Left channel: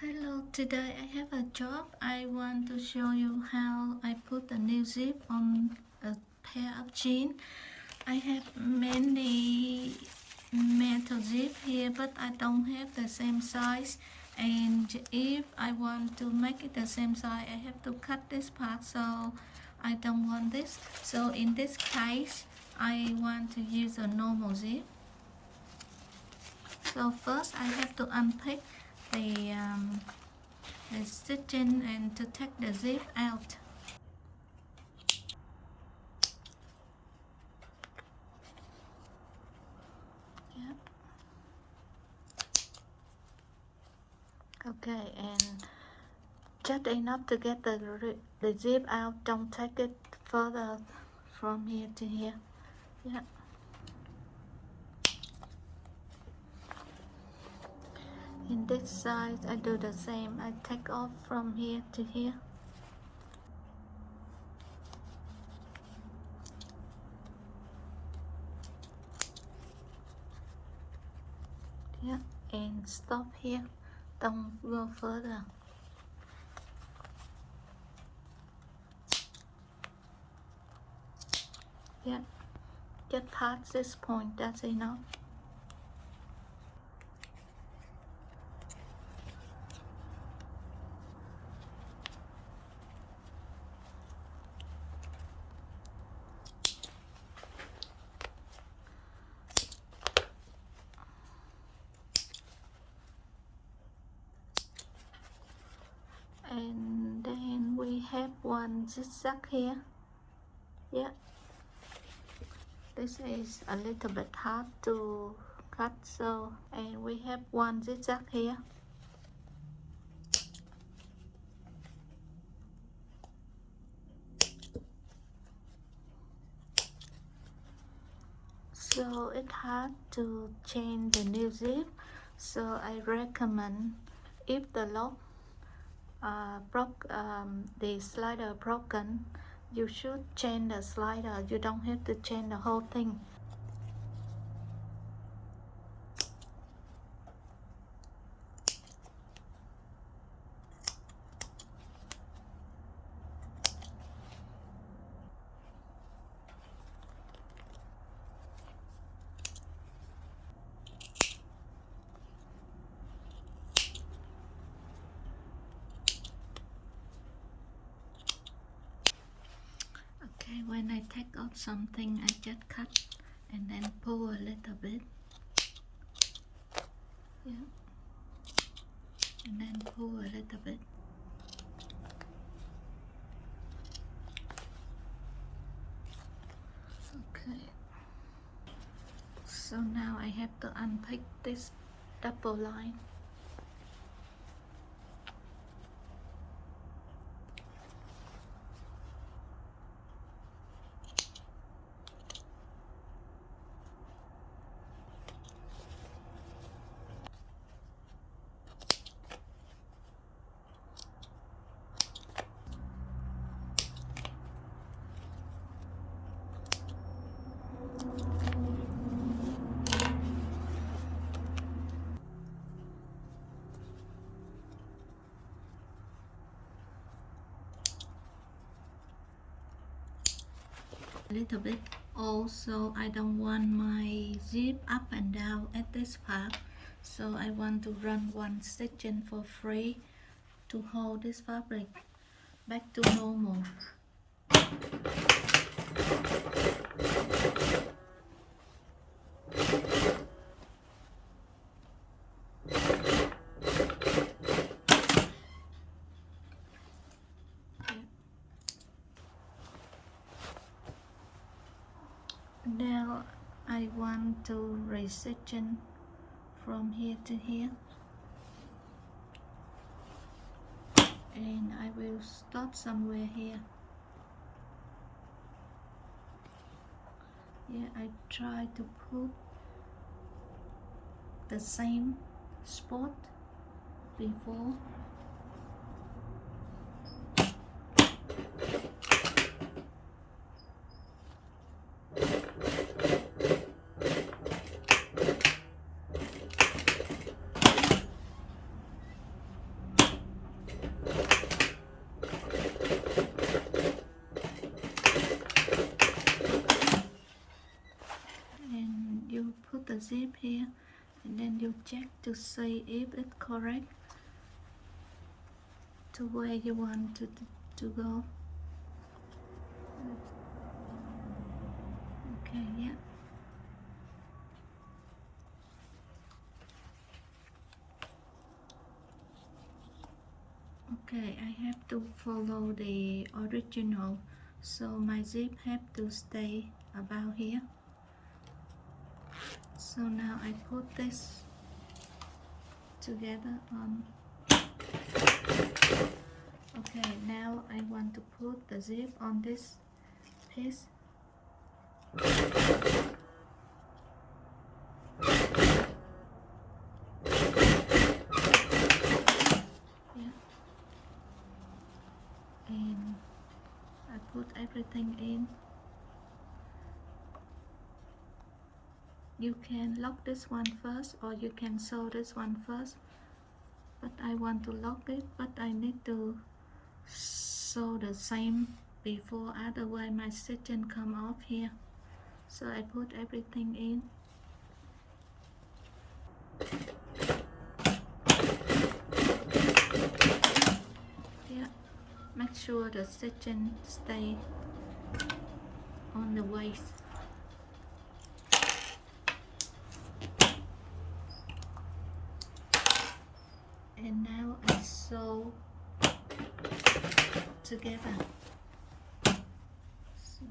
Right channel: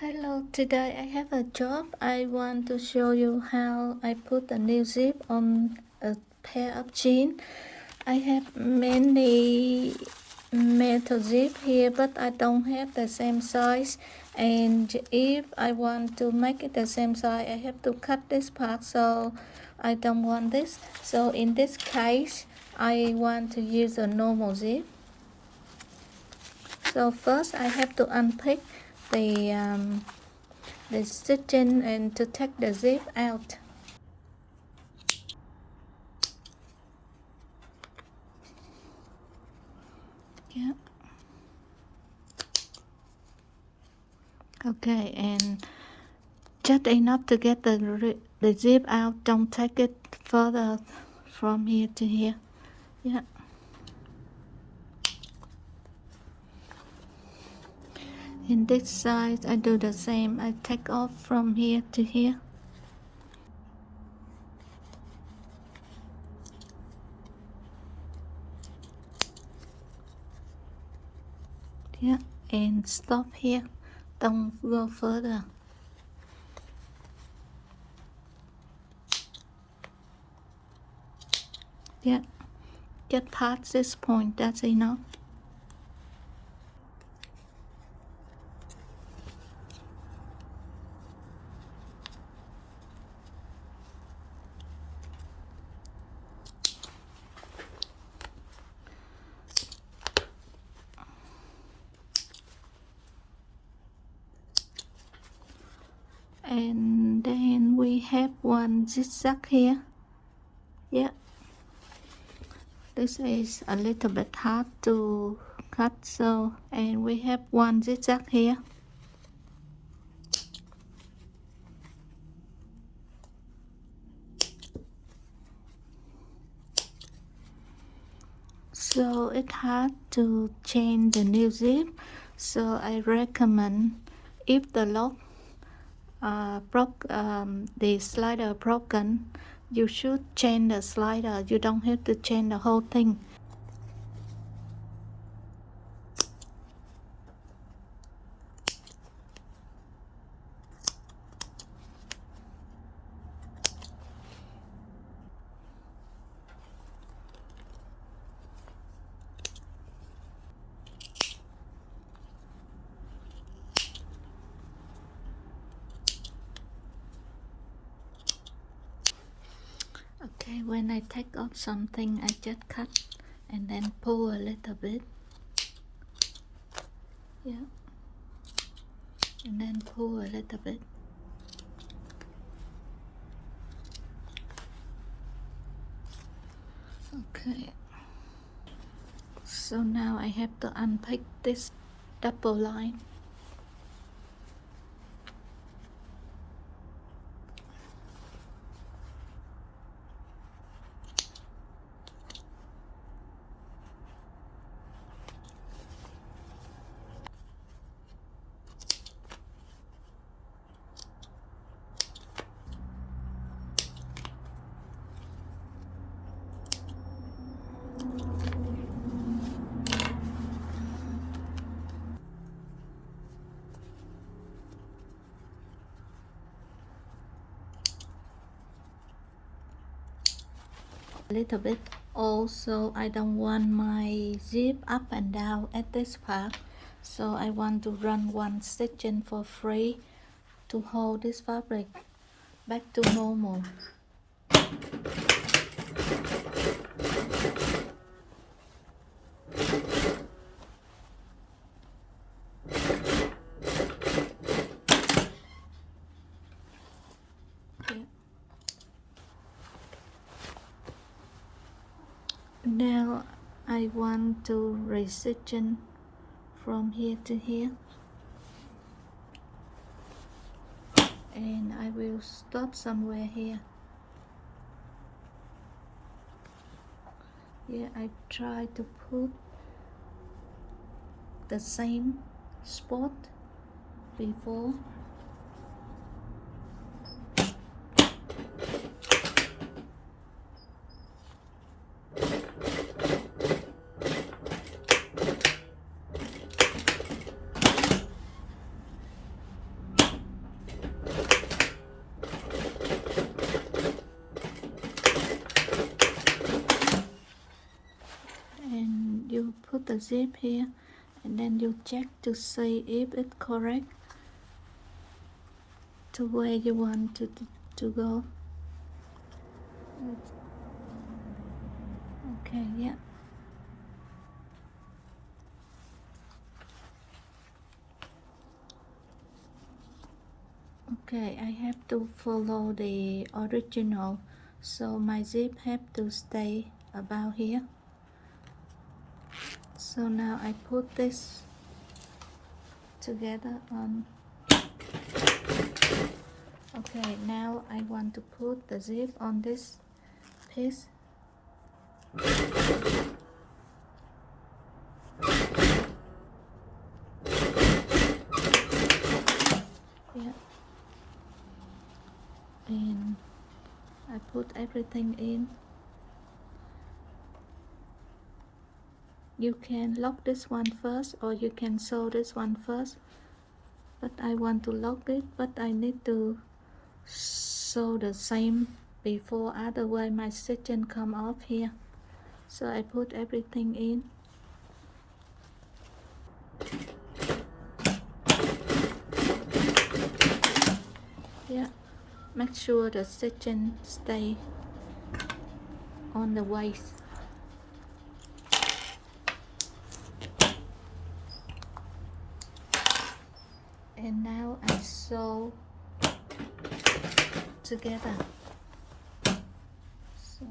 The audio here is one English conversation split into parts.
Hello, today I have a job. I want to show you how I put a new zip on a pair of jeans. I have many metal zip here, but I don't have the same size. And if I want to make it the same size, I have to cut this part, so I don't want this. So in this case, I want to use a normal zip. So first I have to unpick the stitching and to take the zip out. Yeah. Okay, and just enough to get the zip out. Don't take it further from here to here. Yeah. In this side, I do the same. I take off from here to here. Yeah, and stop here. Don't go further. Yeah, just past this point. That's enough. And then we have one zigzag here. Yeah, this is a little bit hard to cut, so and we have one zigzag here. So it's hard to change the new zip, so I recommend if the lock the slider broken, you should change the slider. You don't have to change the whole thing. Okay, when I take off something, I just cut and then pull a little bit. Yeah, and then pull a little bit. Okay, so now I have to unpick this double line. A little bit. Also, I don't want my zip up and down at this part, so I want to run one section for free to hold this fabric back to normal. Now I want to resection from here to here, and I will stop somewhere here. Yeah, I try to put the same spot before. the zip here, and then you check to see if it's correct to where you want to go. Okay, yeah. Okay, I have to follow the original, so my zip have to stay about here. So now I put this together on. Okay, now I want to put the zip on this piece. Yeah. And I put everything in. You can lock this one first, or you can sew this one first, but I want to lock it, but I need to sew the same before, otherwise my stitching come off here. So I put everything in. Yeah, make sure the stitching stay on the waist. And now I sew together. So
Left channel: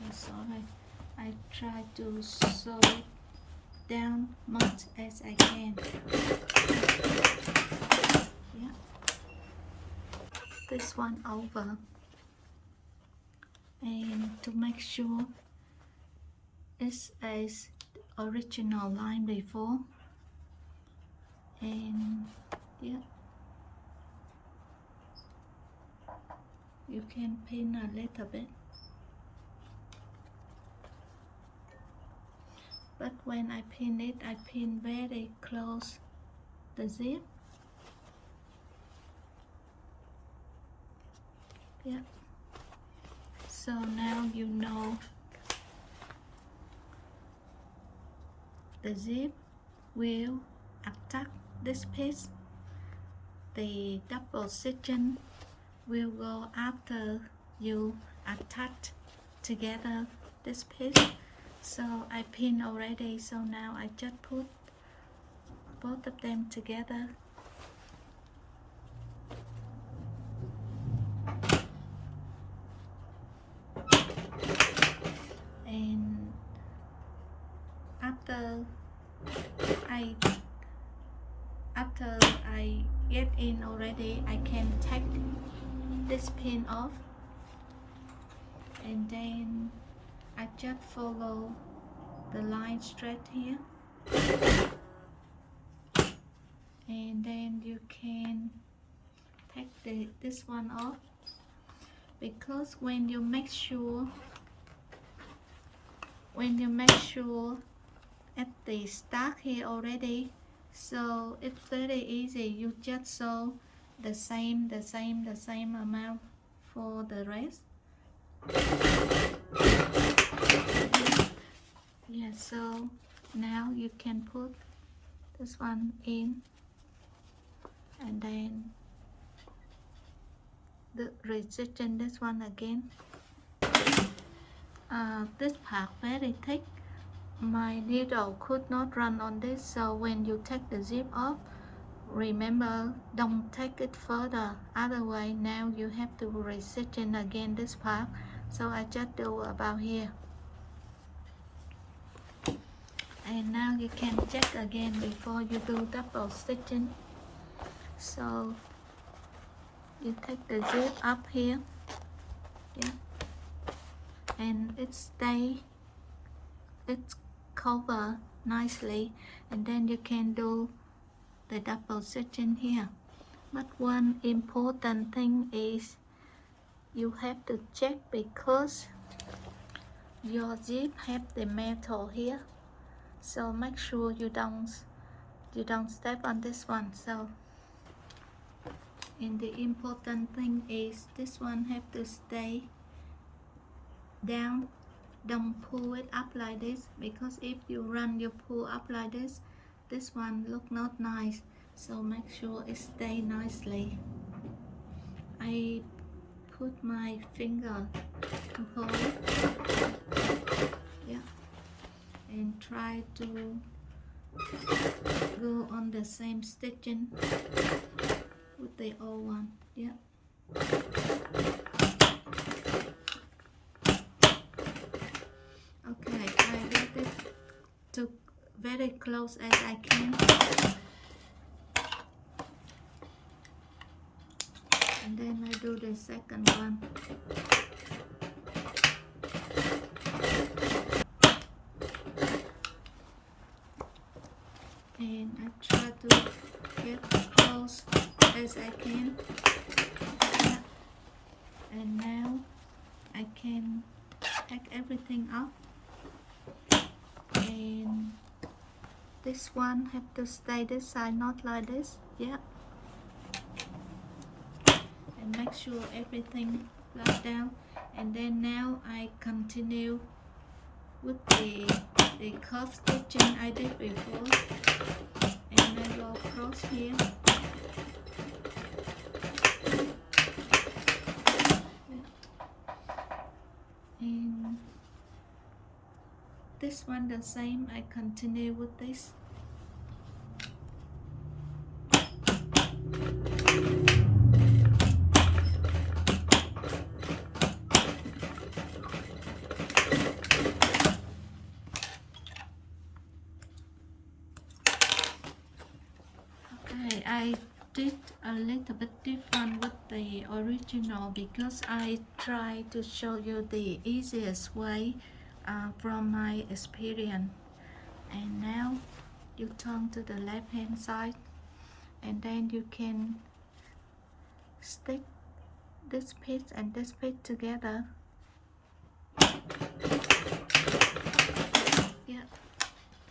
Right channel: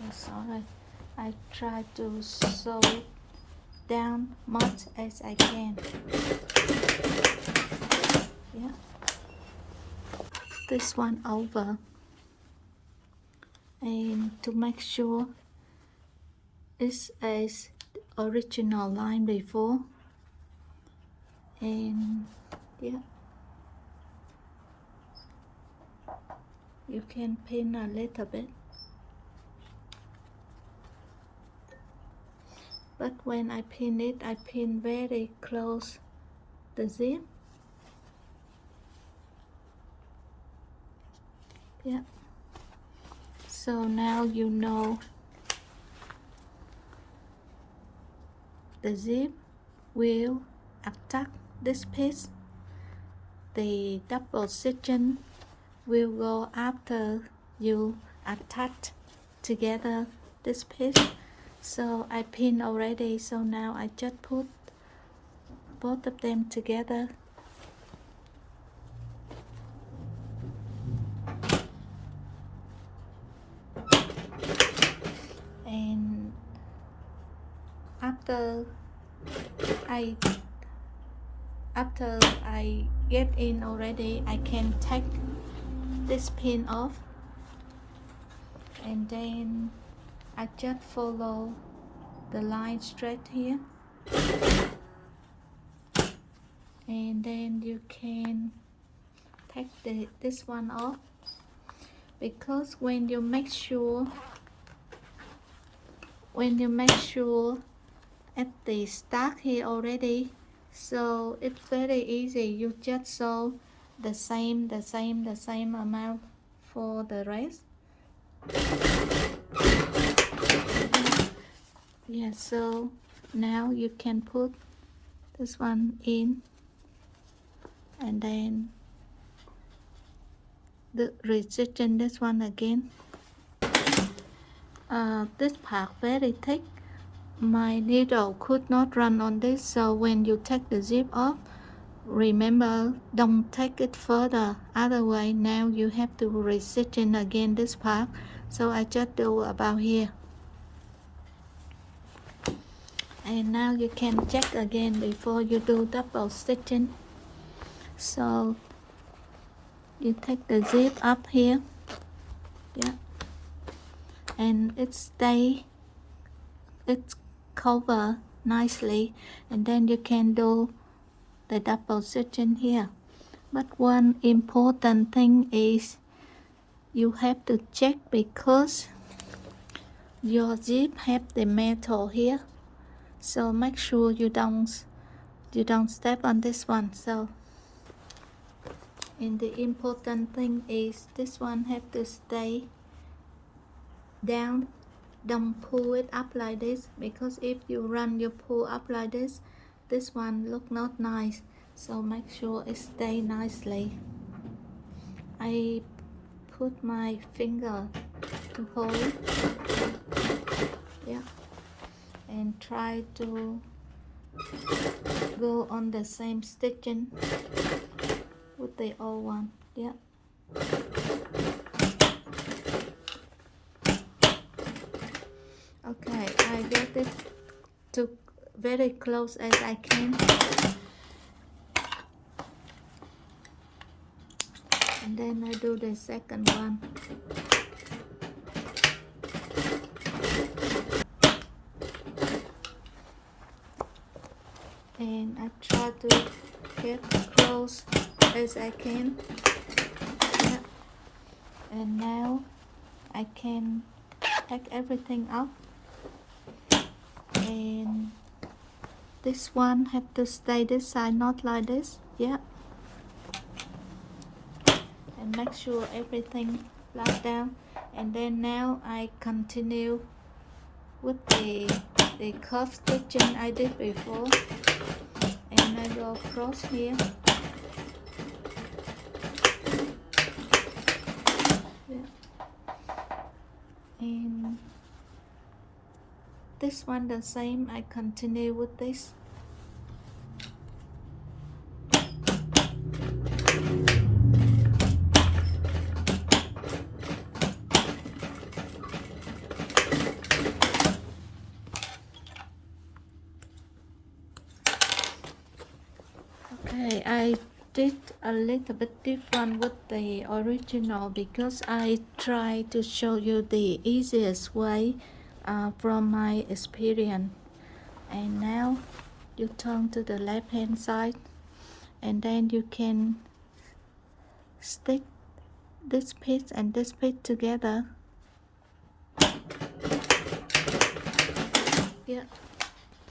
that's all right. I try to sew down much as I can. Yeah. This one over, and to make sure it's as original line before. And yeah, you can pin a little bit, but when I pin it, I pin very close the zip. Yeah, so now you know the zip will attack this piece. The double stitching will go after you attach together this piece. So I pinned already, so now I just put both of them together. And after I get in already, I can take this pin off, and then I just follow the line straight here, and then you can take this one off, because when you make sure at the start here already, so it's very easy. You just sew the same amount for the rest. Yeah, so now you can put this one in, and then the resistance this one again. This part very thick, my needle could not run on this, so when you take the zip off, remember, don't take it further, otherwise now you have to resitch again this part. So I just do about here, and now you can check again before you do double stitching. So you take the zip up here, yeah, and it's cover nicely, and then you can do the double stitching here. But one important thing is you have to check, because your zip have the metal here, so make sure you don't step on this one. So And the important thing is this one have to stay down. Don't pull it up like this, because if you pull up like this one look not nice. So make sure it stay nicely. I put my finger to hold it, yeah, and try to go on the same stitching with the old one, yeah. Okay, I get it to very close as I can, and then I do the second one. And I try to get close as I can, yeah. And now I can take everything up, and this one have to stay this side, not like this, yeah. And make sure everything flat down, and then now I continue with the curve stitching I did before, and I go across here, yeah. And this one the same, I continue with this. Okay, I did a little bit different with the original because I try to show you the easiest way from my experience. And now you turn to the left hand side, and then you can stick this piece and this piece together, yeah.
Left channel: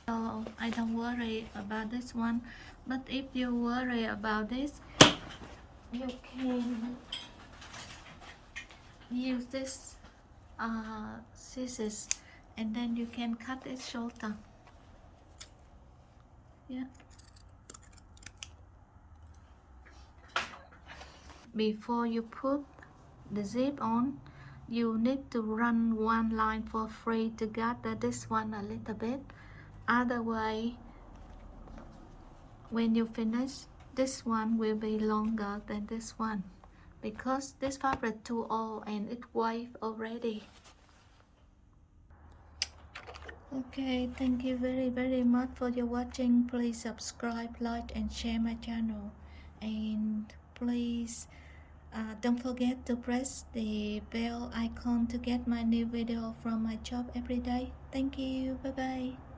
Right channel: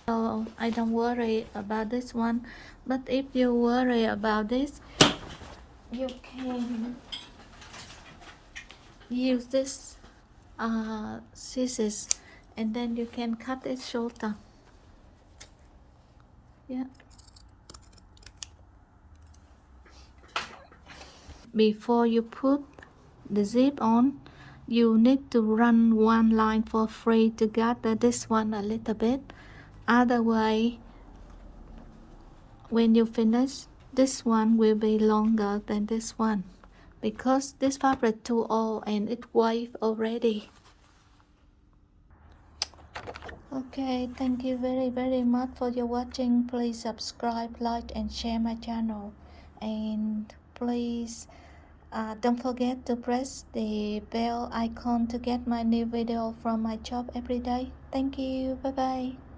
So I don't worry about this one, but if you worry about this, you can use this scissors, and then you can cut it shorter, yeah. Before you put the zip on, you need to run one line for free to gather this one a little bit. Otherwise, when you finish, this one will be longer than this one, because this fabric too old and it wave already. Okay, thank you very much for your watching. Please subscribe, like and share my channel, and please don't forget to press the bell icon to get my new video from my shop every day. Thank you, bye bye.